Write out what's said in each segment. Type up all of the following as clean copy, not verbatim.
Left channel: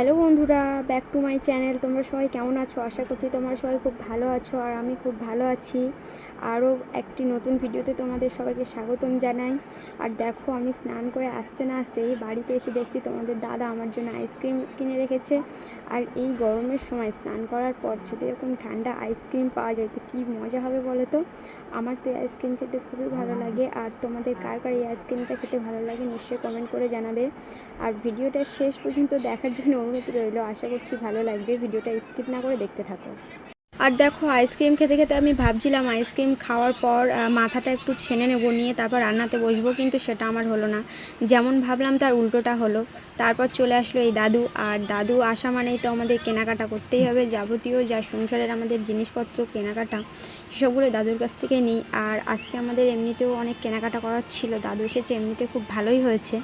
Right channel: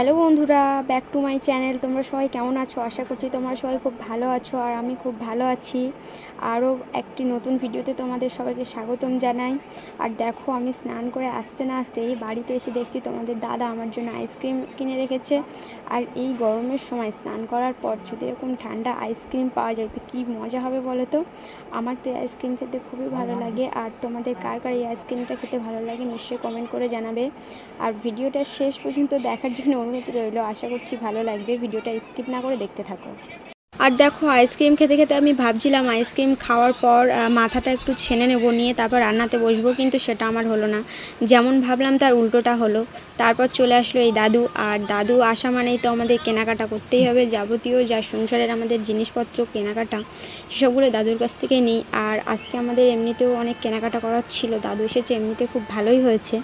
Hello বন্ধুরা, back to my channel. তোমরা সবাই কেমন আছো? আশা করছি তোমরা সবাই খুব ভালো আছো, আর আমি খুব ভালো আছি। আরও একটি নতুন ভিডিওতে তোমাদের সবাইকে স্বাগতম জানাই। আর দেখো, আমি স্নান করে আসতে না আসতেই বাড়িতে এসে দেখছি তোমাদের দাদা আমার জন্য আইসক্রিম কিনে রেখেছে। আর এই গরমের সময় স্নান করার পর যদি এরকম ঠান্ডা আইসক্রিম পাওয়া যায় তো কী মজা হবে বলো তো। আমার তো এই আইসক্রিম খেতে খুবই ভালো লাগে। আর তোমাদের কার কার এই আইসক্রিমটা খেতে ভালো লাগে নিশ্চয়ই কমেন্ট করে জানাবে। আর ভিডিওটা শেষ পর্যন্ত দেখার জন্য অনুরোধ রইল। আশা করছি ভালো লাগবে, ভিডিওটা স্কিপ না করে দেখতে থাকো। আর দেখো, আইসক্রিম খেতে খেতে আমি ভাবছিলাম আইসক্রিম খাওয়ার পর মাথাটা একটু ছেনে নেবো, নিয়ে তারপর রান্নাতে বসবো, কিন্তু সেটা আমার হলো না। যেমন ভাবলাম তার উল্টোটা হলো। তারপর চলে আসলো এই দাদু। আর দাদু আসা মানেই তো আমাদের কেনাকাটা করতেই হবে, যাবতীয় যা সংসারের আমাদের জিনিসপত্র কেনাকাটা সেসবগুলো দাদুর কাছ থেকে নিই। আর আজকে আমাদের এমনিতেও অনেক কেনাকাটা করার ছিল, দাদু এসেছে, এমনিতে খুব ভালোই হয়েছে।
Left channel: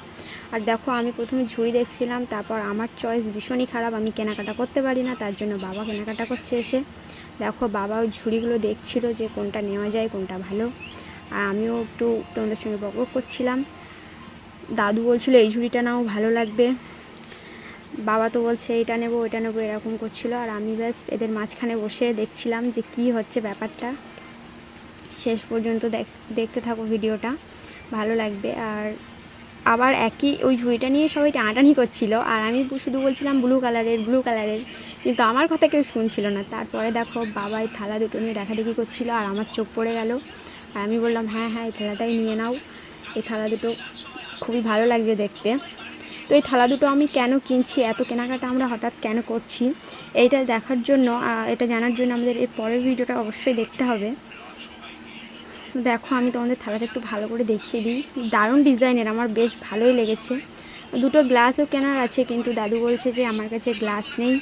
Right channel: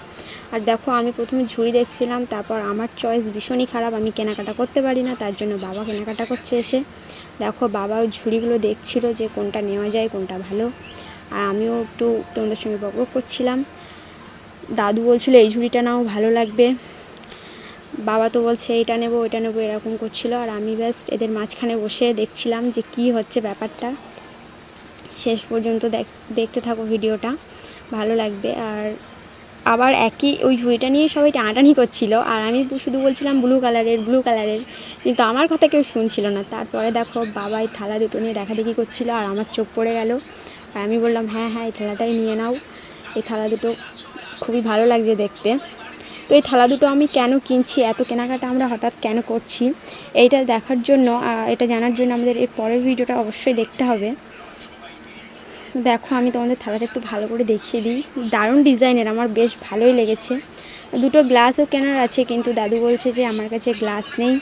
আর দেখো, আমি প্রথমে ঝুড়ি দেখছিলাম, তারপর আমার চয়েস ভীষণই খারাপ, আমি কেনাকাটা করতে পারি না, তার জন্য বাবা কেনাকাটা করছে এসে। দেখো, বাবাও ঝুড়িগুলো দেখছিল যে কোনটা নেওয়া যায়, কোনটা ভালো। আর আমিও একটু তোমাদের সঙ্গে বকবক করছিলাম। দাদু বলছিল এই ঝুড়িটা নাও, ভালো লাগবে। বাবা তো বলছে এইটা নেবো ওইটা নেবো, এরকম করছিল। আর আমি ব্যাস এদের মাঝখানে বসে দেখছিলাম যে কি হচ্ছে ব্যাপারটা। শেষ পর্যন্ত দেখতে থাকো ভিডিওটা, ভালো লাগবে। আর আবার একই ওই ঝুড়িটা নিয়ে সবাই টানাটানি করছিল, আর আমি শুধু বলছিলাম ব্লু কালারের ব্লু কালারের, কিন্তু আমার কথা কেউ শুনছিল না। তারপরে দেখো, বাবা এই থালা দুটো নিয়ে দেখাদেখি করছিল, আর আমার চোখ পড়ে গেল। আর আমি বললাম হ্যাঁ হ্যাঁ, এই থালাটাই নিয়ে নাও, এই থালা দুটো খুবই ভালো লাগছে দেখতে। তো এই থালা দুটো আমি কেন কিনছি, এত কেনাকাটা আমরা হঠাৎ কেন করছি, এইটা দেখার জন্য, এটা জানার জন্য আমাদের এর পরের ভিডিওটা অবশ্যই দেখতে হবে। দেখো, আমি তোমাদের থালাটা একটু ভালো করে দেখিয়ে দিই। দারুণ ডিজাইনের, আমার বেশ ভালোই লেগেছে। দুটো গ্লাসও কেনার আছে, কিন্তু দাদু বলছে যে আমার কাছে গ্লাস নেই।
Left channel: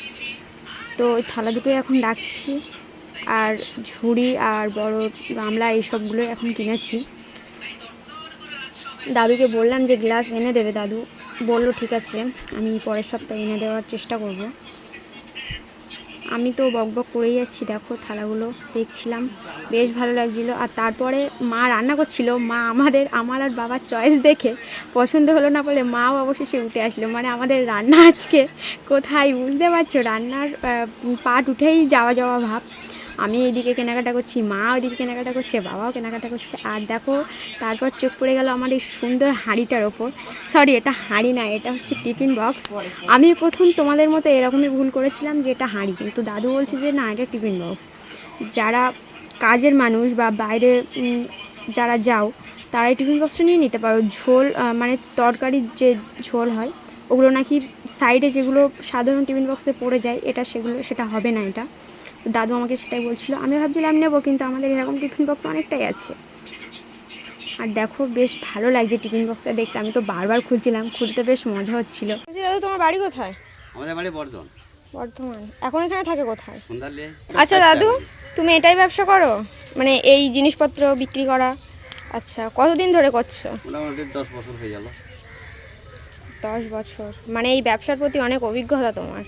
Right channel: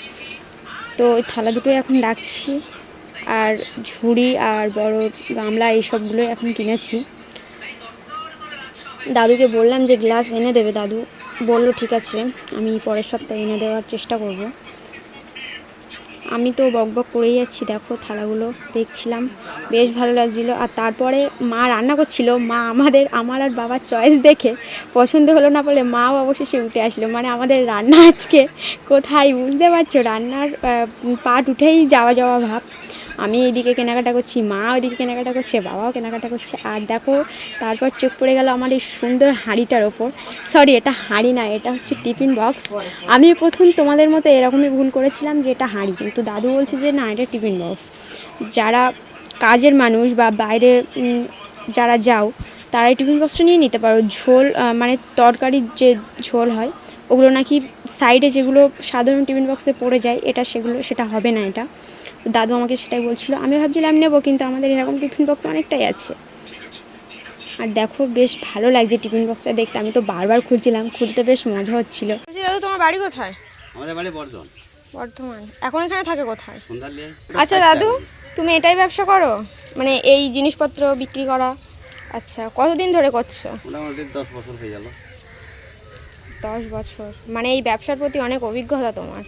তো ওই থালা দুটোই এখন রাখছি, আর ঝুড়ি আর বড় গামলা এইসবগুলোই এখন কিনেছি। দাদুকে বললাম যে গ্লাস এনে দেবে, দাদু বললো ঠিক আছে, আমি পরের সপ্তাহে এনে দেওয়ার চেষ্টা করব। আমি তো বকবক করেই যাচ্ছি। দেখো, থালাগুলো দেখছিলাম, বেশ ভালো লাগছিলো। আর তারপরে মা রান্না করছিল, মা আমার আর বাবার চয়েস দেখে পছন্দ হলো না বলে মাও অবশেষে উঠে আসলো। মানে আমাদের রান্না আজকে কোথায় বুঝতে পারছো, রান্নার পাট উঠেই যাওয়া যাওয়া ভাব। আমি এইদিকে কেনাকাটা করছি, মা ওইদিকে কেনাকাটা করছে, বাবাও কেনাকাটা করছে। আর দেখো, তারপর চোখ পড়ে গেল আমার এই সুন্দর হাঁড়িটার ওপর। সরি, এটা হাঁড়ি না, এটা হচ্ছে টিফিন বক্স। আমি প্রথম তোমাদের মতো এরকমই ভুল করেছিলাম যে এটা হাঁড়ি, কিন্তু দাদু বলছে যে না, এটা টিফিন বক্স। যারা কাজের মানুষ বা বাইরে যারা যাও, তারা এই টিফিন বক্সটা নিয়ে নিতে পারো। ঝোল মানে তরকারির যে ঝোল হয় ওগুলো নাকি সাইডে যেগুলো সাধারণ টিফিন বক্সে পড়ে যায়, সেটা হবে না। এটা দাদু আমাকে সেটাই বলছিল। আমি ভাবছিলাম নেবো, কিন্তু আমাদের এরকম টিফিন বক্স অনেকটাই আছে। আর দেখো, বেশ ভালো লাগছে টিফিন বক্সটা দেখতে, আমি তো বারবার খুলছিলাম, খুলতে বেশ মজা হচ্ছিল। দাদু, তোমার বাড়ি কোথায়? আমাদের বাড়ি বর্ধমান। বর্ধমান। এখন এখানে থাকে কোথায়? সন্ধ্যালে। আচ্ছা দাদু, তুমি এটাই ব্যবসা করো, মানে এই জিনিসপত্র বিক্রি করা? আচ্ছা, কতদিন ধরে করছো? মোটামুটি 10 বছর হয়ে গেল। 10 বছর, মানে এই ব্যবসার প্রতি অনেক অভিজ্ঞতা তোমার।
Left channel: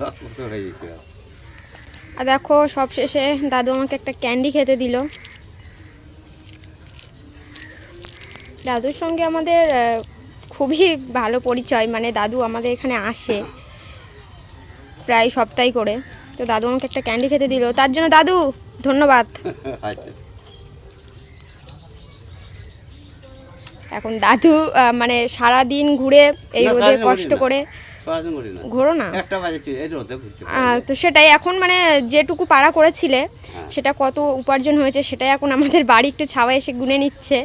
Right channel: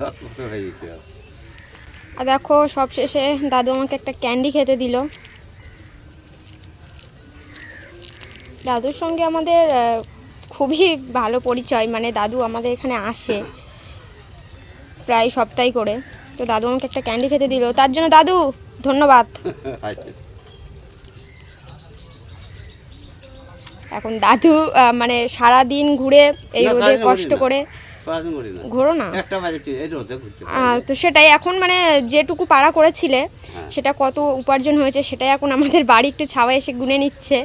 10 বছর হয়ে গেছে। আর দেখো, সব শেষে দাদু আমাকে একটা ক্যান্ডি খেতে দিল। দাদুর সঙ্গে আমাদের খুবই ভালো পরিচয়, মানে দাদু আমাদের এখানে আসে প্রায় সপ্তাহে করে। তো দাদু আমাকে একটা ক্যান্ডি খেতে দিল, তার জন্য দাদু ধন্যবাদ। এখন দাদু মানে সারা দিন ঘুরে এই রোদে কষ্ট করে ঘোরো না, তো সেটাই এখন মানে যেটুকু পাড়া করেছিলে সেটা কত উপার্জন হয়েছে সেটাই এখন আমাদের বাড়ি একটু ছাওয়া এসে গুনে নিচ্ছে।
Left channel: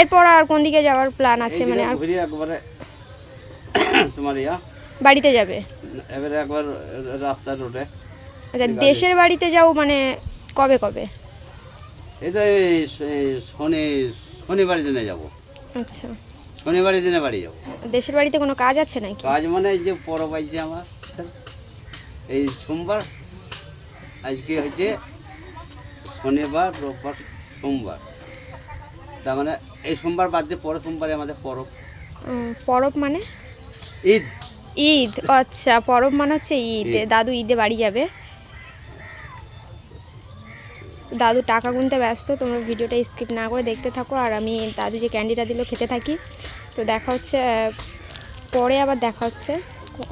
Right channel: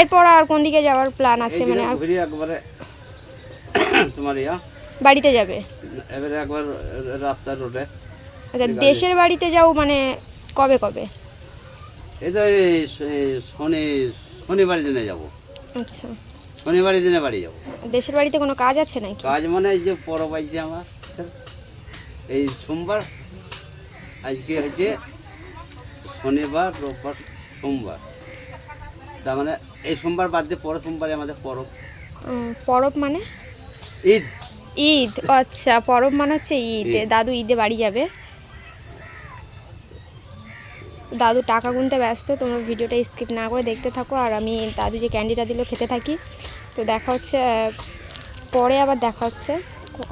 এরপর আর কোন দিকে যাওয়ার প্ল্যান আছে? মানে আর তোমার বাড়িতে যাবে এবারে একবার রাস্তা রোডে। আচ্ছা, দেশের বাড়িতে যাও মানে কবে কবে? এই তো শনিবার দিনে যাব। আচ্ছা, শনিবার দিনে বাড়ি যাব। দেশের বাড়িতে কোনো কাজ আছে নাকি? কাজ মানে এই যে পরব আছে আমার, এই সোমবার, আজকে হচ্ছে শনিবার, রোববার, সোমবার, তার মানে এই সোমবার বাদ দিয়ে পরের সোমবারে আমাদের পরব। পরব মানে? ঈদ। ঈদ, আচ্ছা, পরব মানে হচ্ছে ঈদ। দাদু ঈদে বাড়ি যাবে। দাদু টাকা গুনতে ব্যস্ত, তোমরা ভিডিওটা স্কিপ না করে দেখতে থাকো, আর আমি দাদু যে ক্যান্ডিটা দিল খেতে থাকি। তো দেখা হচ্ছে পরে আবার দেখা হচ্ছে,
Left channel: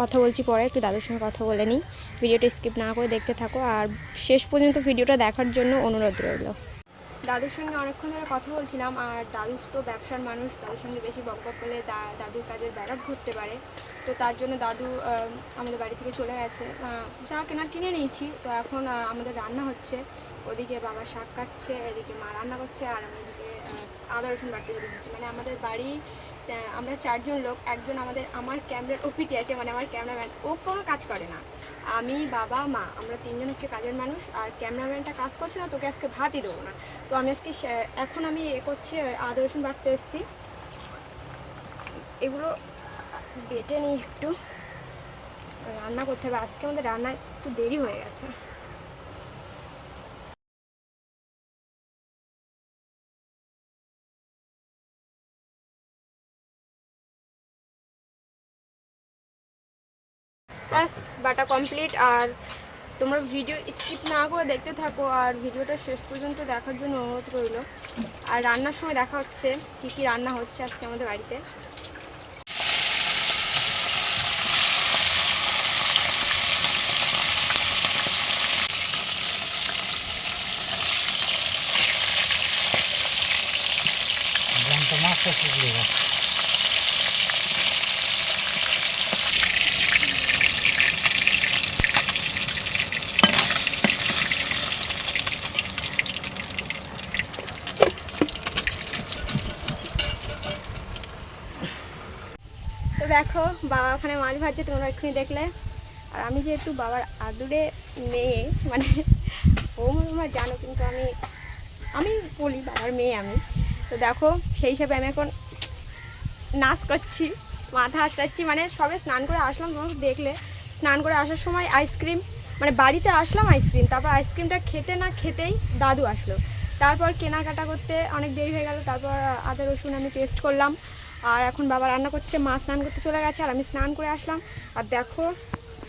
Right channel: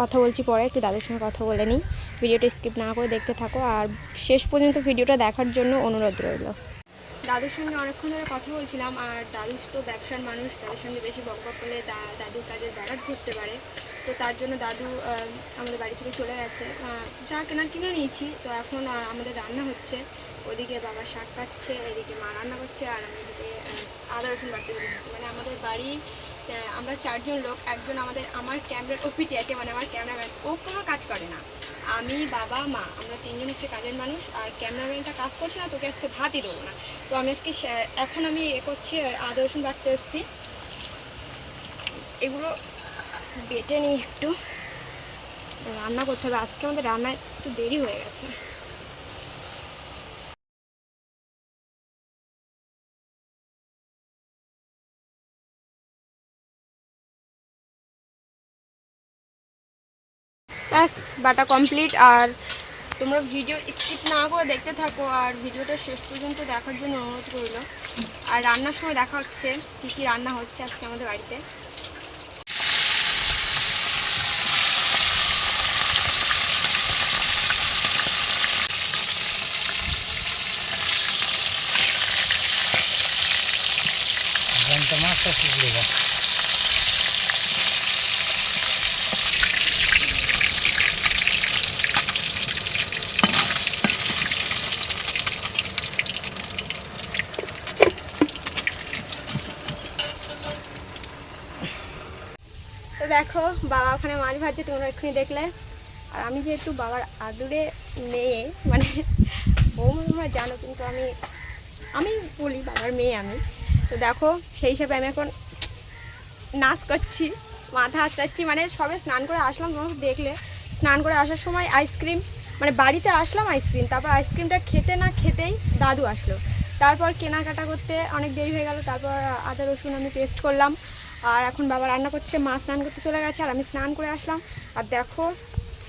কথা বলছি পরে, একটু দাদুর সঙ্গে কথা বলে নিই। ভিডিওটা স্কিপ না করে দেখতে থাকো, আর শেষ পর্যন্ত ভিডিওটা দেখার জন্য অনুরোধ রইল। দাদুর সঙ্গে অনেকক্ষণ ধরে কথা বলছিলাম, আর দাদু তো ব্যবসার মানুষ, দাদুর সঙ্গে বেশি বক বক করলে দাদুর কাজের ব্যাঘাত ঘটতে পারে। তো তার জন্য দাদু আমাদের বাড়ি থেকে চলে গেছে, যা কিনে নিয়েছি। তো এখন আমাদের রান্না হচ্ছে, ওদিকে বাবা শাক কাটছে, এদিকে মা রান্না করছে, আর আমি এদিকে আদা রসুন বাড়তে রেখেছি। মানে আমাদের বাড়ি আমরা 4 জন লোক, একজন আমার ক্যামেরার ওপিটি আছে, মানে আমার ক্যামেরাম্যান, ও কোনো কাজ করে না। আমি, বাবা, মা, আমরা 3 জন হচ্ছে কাজের মানুষ। আর ক্যামেরাম্যানটা কাজ করছে না, তোকে আজকে ভাতই দেবো না। তো আমি আজকে এখন আমি করছি, আদা রসুন বাটতে এসেছি। এগুলো বেটে নিই, একটু রান্না করতে হবে। আজকে আমাদের রান্না একটু দেরি হয়ে গেছে। ব্যাস বাটা কমপ্লিট। আর তোমরা ভিডিও স্কিপ না করে দেখতে থাকো, আর ভিডিওটা শেষ পর্যন্ত দেখার জন্য অনুরোধ রইল। আর রান্নার সময় দেখা হচ্ছে কী কী রান্না হচ্ছে আজকে আমাদের বাড়িতে। তো দেখো বাবা ওখানে মাছ ভাজছে, তোমরা এক্ষুনি দেখলে। আর আমি যেহেতু বাবার আদুরে মেয়ে, মানে তোমরা জানো, কিন্তু আমি বলি বাবার মেয়ে আমি। তো দেখো সেই হিসাবে আমি এখন নাচ করছি, মাথা আঁচড়াচ্ছি। মানে সবে স্নান করে আসলাম, তোমরা দেখলে স্নান করে আসার সময় আইসক্রিম, মানে বাড়িতে আসলাম আইসক্রিম, তারপর আইসক্রিমটা খেতে না খেতেই দাদু আসলো। তারপর কেনাকাটা করতে অনেক দেরি হয়ে গেল। তারপর আদা রসুন আমি পেস্ট করলাম, আর এখন বাবা রান্না করছে, মা স্নান করতে চলে গেছে, আর আমি স্নান করে আসলাম। আর দেখো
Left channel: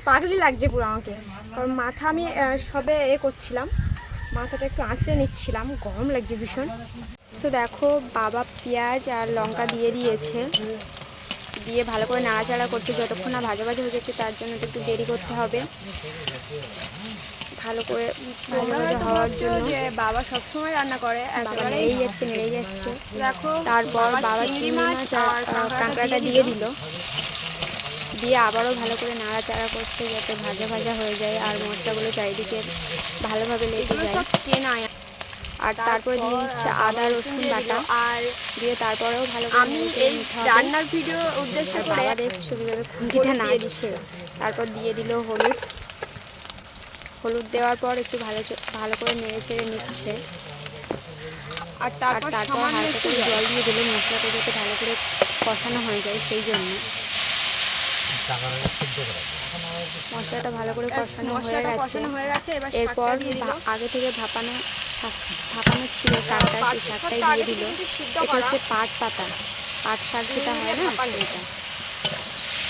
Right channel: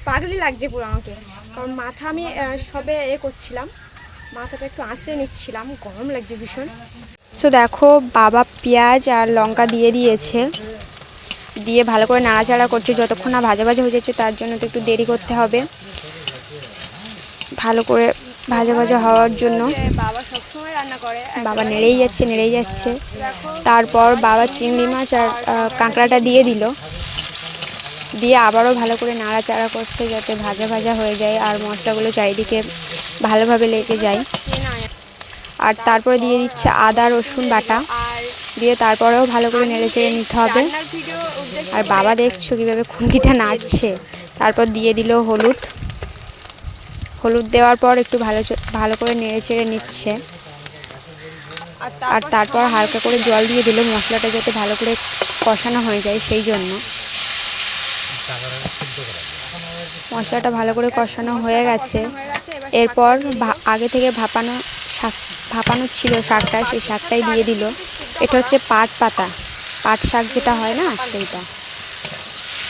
পাগলি লাগছে পুরো আমাকে, কারণ মাথা আমি সবে করছিলাম, মাথাটা একটু আঁচড়ে নিচ্ছিলাম, গরম লাগছে ভীষণ। সো দেখো বাবা পেঁয়াজ আর লঙ্কা দিয়ে দিয়েছে, দিয়ে ভালো করে নাড়াচাড়া করছে যতক্ষণ না ভাজা ভাজা হয়ে যাচ্ছে। তার জন্য তো একটু দেরি করতে হবে, ভালো করে ভাজা ভাজা হওয়ার জন্য। বাবা সবসময় রান্না করে, বাবা নেড়েই যাচ্ছে। তারপর বাবা চিংড়ি মাছ আর কাঁকড়াটা দিয়ে দিল, দিয়ে আবারও ভালো করে নাড়াচাড়া করছে যাতে ভাজা ভাজা হয়ে যায় আর মশলাগুলো চারিদিকে ভালোভাবে লেগে যায়। আর তারপরে দিয়ে দিচ্ছে আদা রসুন বাটা, দিয়ে তারপরেও ভালো করে নেড়ে চেড়ে নিতে হবে। আর বাবা দেখছো কীভাবে খুন্তিটা নাড়ছে। তারপর দিয়ে দিল হলুদ দেওয়ার পর একটু ভালো করে নেড়ে চেড়ে নিচ্ছে। আর তারপর হালকা করে জল দিয়ে দিল, মশলাটা যাতে ভালো করে কষানো হয়ে যায় সেই জন্য। মশলাটা ভালো করে কষানো হয়ে গেছে। এরপর আগে থেকে ভাপানো ছিল শাকটা, সেই শাকটাই দিয়ে দিল। এটা হচ্ছে পাট শাক যেটা হয় না, সেইটা।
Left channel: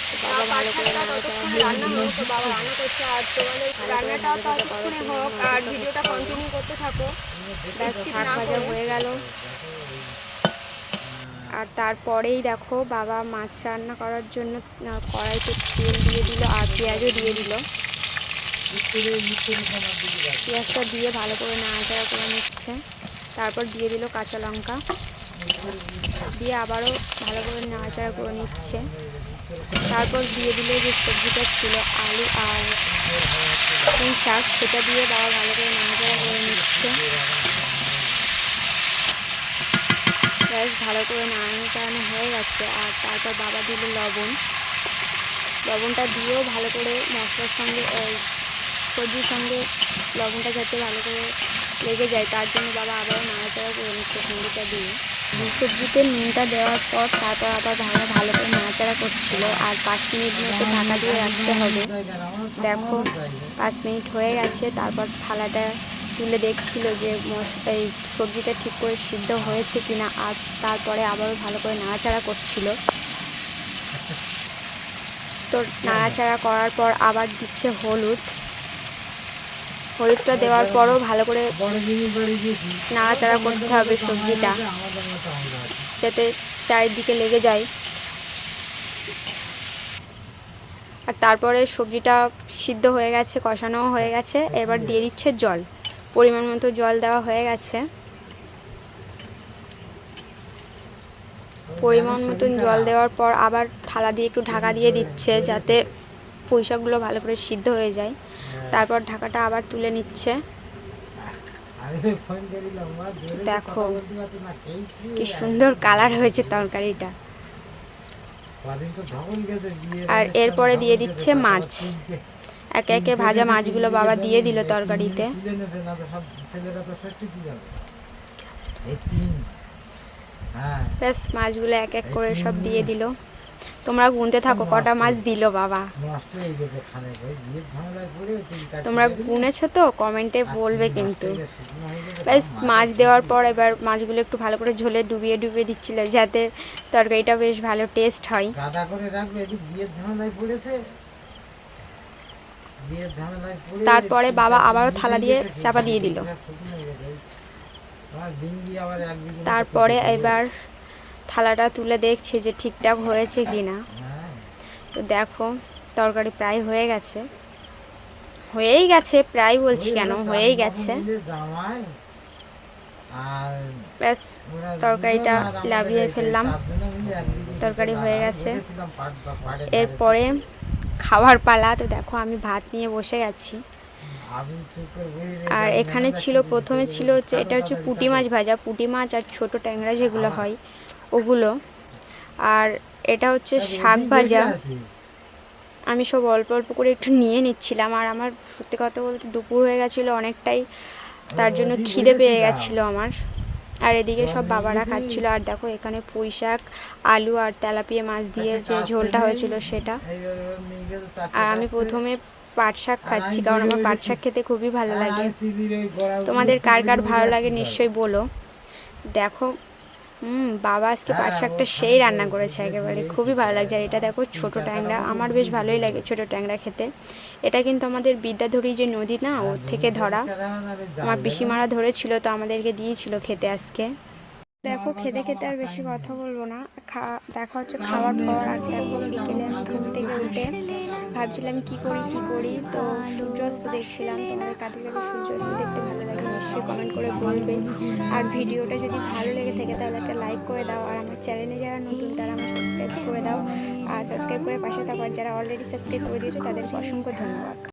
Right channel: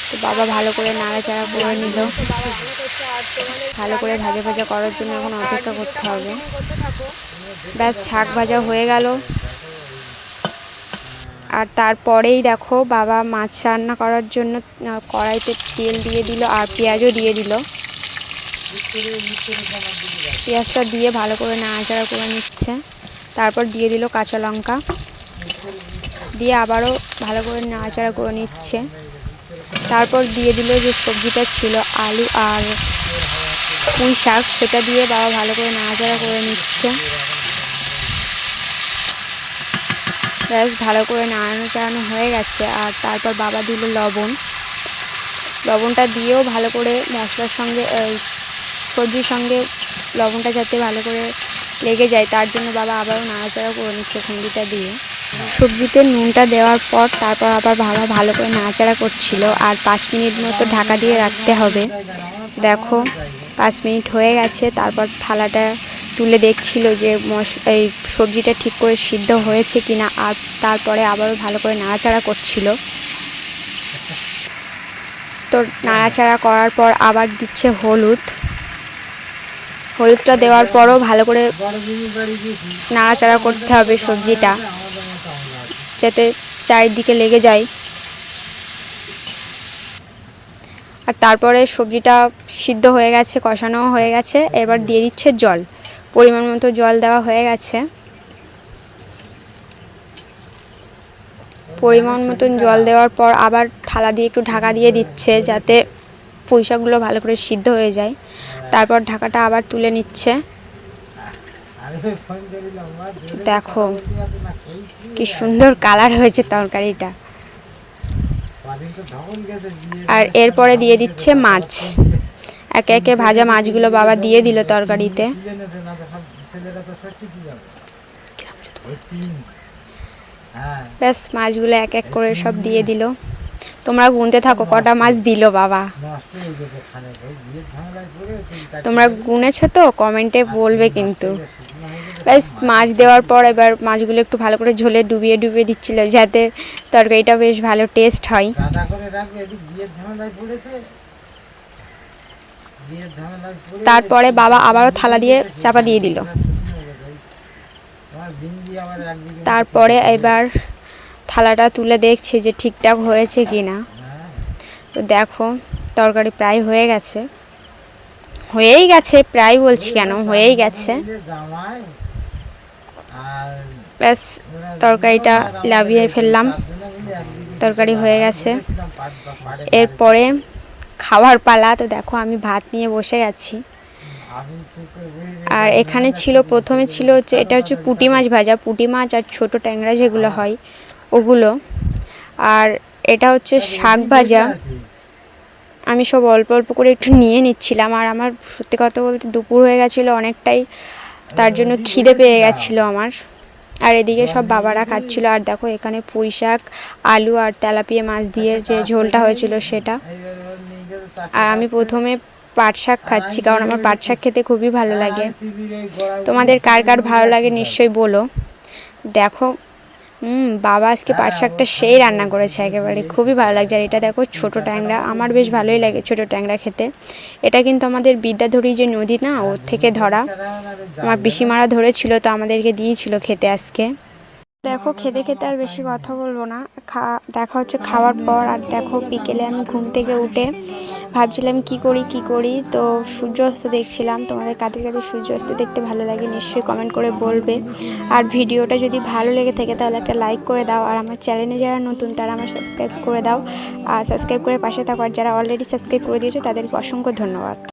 তো বাবা ভালো করে নাড়াচাড়া করে নিল, ভালো করে ভাজা ভাজা করার জন্য এখন অপেক্ষা করতে হবে। ব্যাস শাক ভাজা হয়ে গেল। আর তারপরেই দেখো বাবা মাছ রান্না করার জন্য কড়াইতে তেল দিয়ে দিল, আর পেঁয়াজও দিয়ে দিল। পেঁয়াজটা দিয়ে ভালো করে নাড়াচাড়া করে নিচ্ছে। তারপর দিয়ে দিল কাঁচা লঙ্কা, দিয়ে আবারও ভালো করে নাড়াচাড়া করে নিচ্ছে। তারপর দিয়ে দিল যে সবজিটা ছিল, আলু আর পুঁই শাক, সেটা দিয়ে বাবা ভালো করে নাড়াচাড়া করে নিচ্ছে। ব্যাস ভালো করে নাড়ানো হয়ে গেছে। আর তারপর বাবা দিল লবণটা দিয়েও ভালো করে মশলার সঙ্গে সবজির সঙ্গে লবণটা যাতে ভালো করে লেগে যায়, তার জন্য বাবা আবারও নাড়াচাড়া করে নিচ্ছে খুন্তিটা দিয়ে। সবজিতে নুনটা দেওয়ার পর তারপর আবার ভালো করে নাড়াচাড়া করছিল। আর 5 মিনিট মতো ঢাকা দিয়ে রাখতে হবে। দেখো 5 মিনিট হয়ে গেছে। তারপর থালাটা তুলে দেখছিল যে এই সবজিটা ঠিক করে সিদ্ধ হয়েছে কিনা। আর তারপরে আবারও ভালো করে নাড়াচাড়া করছিল। তো নাড়াচাড়া করার পর আবার দিচ্ছে হলুদটা দেওয়ার পরও ভালো করে নাড়াচাড়া করতে হবে সবজিটা, যাতে চারিদিকে লেগে যায়। আর তারপরে সবজিটা সিদ্ধ হয়ে গেছে, কষানো হয়ে গেছে, এবার দিয়ে দিচ্ছে জল। পরিমাণ মতো জল দেওয়া হয়ে গেছে। পরিমাণ মতন জল দেওয়ার পর আবার থালা দিয়ে একটু ঢাকা দিয়ে দিচ্ছে, যাতে পুঁই শাকগুলো ভালো করে সিদ্ধ হয়ে যায়। তারপর ঢাকাটা আবার তুলে নিচ্ছে। দেখো কি সুন্দর কালার হয়েছে তরকারিটা। আর এরপরে দিয়ে দিচ্ছে মাছ। একে একে ভাজা মাছগুলো বাবা দিয়ে দিল তরকারিতে। ব্যাস মাছগুলো এক এক করে সব দিয়ে দিল। তোমরা গুনতে থাকো কটা মাছ দিল বাবা। তোমরা গুনেছো তো, কমেন্টে বলবে কিন্তু। ব্যাস মাছ দেওয়ার পর এবার মাছগুলো একটু ভালো করে ঝোলে ডুবিয়ে ডুবিয়ে দিচ্ছিল, যাতে তরকারিটা বেশ ভালো টেস্ট হয়। তারপরে বাবা আবারও থালা দিয়ে চাপা দিয়ে দিল। তারপরে এবার থালাটা তুলে দেখছে যে ঠিকঠাক হয়েছে কি না। তো দেখো তরকারি প্রায় হয়ে গেছে, হয়েই গেছে, প্রায় বলছি কেন, হয়েই গেছে। ব্যাস তরকারিটা লাভিয়ে ফেললাম, তরকারি হয়ে গেছে। এরপরে খাওয়ার পালা। তো দেখো আমি ভাত নিয়ে বসে গেছি। আর এখানে ছিল, প্রথমে ছিল হচ্ছে, এটা হচ্ছে পুঁটি মাছ ভাজা, পুঁটি মাছ আর ছোট ট্যাংরা যেগুলো হয় ওগুলো। আর এটা হচ্ছে শাক ভাজা। আমি সব অল্প অল্প করে একটু নিয়ে নিচ্ছিলাম। আর আমার সত্যি কথা বলতে দুপুর হয়ে গেছিলো অনেকটাই, তার জন্য খিদে পেয়ে গেছিলো আমার। আর এদিকে সব বাবারা খাচ্ছিল। আর দেখো এখানে পুঁই শাক, আলু আর তেলাপিয়া মাছ দিয়ে যে ঝোলটা হয়েছিল সেটা। আর আমি প্রথমে পাট শাক খাচ্ছি, কারণ আমার পাট শাক খেতে খুবই ভালো লাগে। তোমাদের কার কার ভালো লাগে নিশ্চয়ই বলো। দেখো বাবা আজকে পাট শাকটা সেই রান্না করেছে, একেবারে খুবই ভালো লাগছে। আর এটা দেখো ছোট ট্যাংরা, আমার বেশ ভালোই লাগে ছোট ট্যাংরা খেতে। এটা কিন্তু আমাদের বিদ্যাধরী যে নদী না, ওর থেকে ধরা। আমার পিসিমারা ধরেছিল, তো আমাদেরকে দিয়েছিল খেতে আজকে। দেখো খেতে খেতে আর বেশি কথা বলবো না, দেখা হচ্ছে খাওয়ার পর। আর দেখো বিকেলে আমি ঘুম থেকে উঠে ভাবছিলাম কি করি, তো সূর্যাস্ত দেখছিলাম। তোমাদের কাদের কাদের সূর্যাস্ত দেখতে ভালো লাগে নিশ্চয়ই কমেন্ট করে বলবে। আর ভিডিওটা যদি ভালো লেগে থাকে তাহলে একটা লাইক করে দাও। আর আমার চ্যানেলে যারা নতুন তারা আমার সাবস্ক্রাইব করে দাও। আর সাবস্ক্রাইব করে পাশে থাকো। আর যারা অলরেডি সাবস্ক্রাইব করে দিয়েছো তাদেরকে অসংখ্য ধন্যবাদ।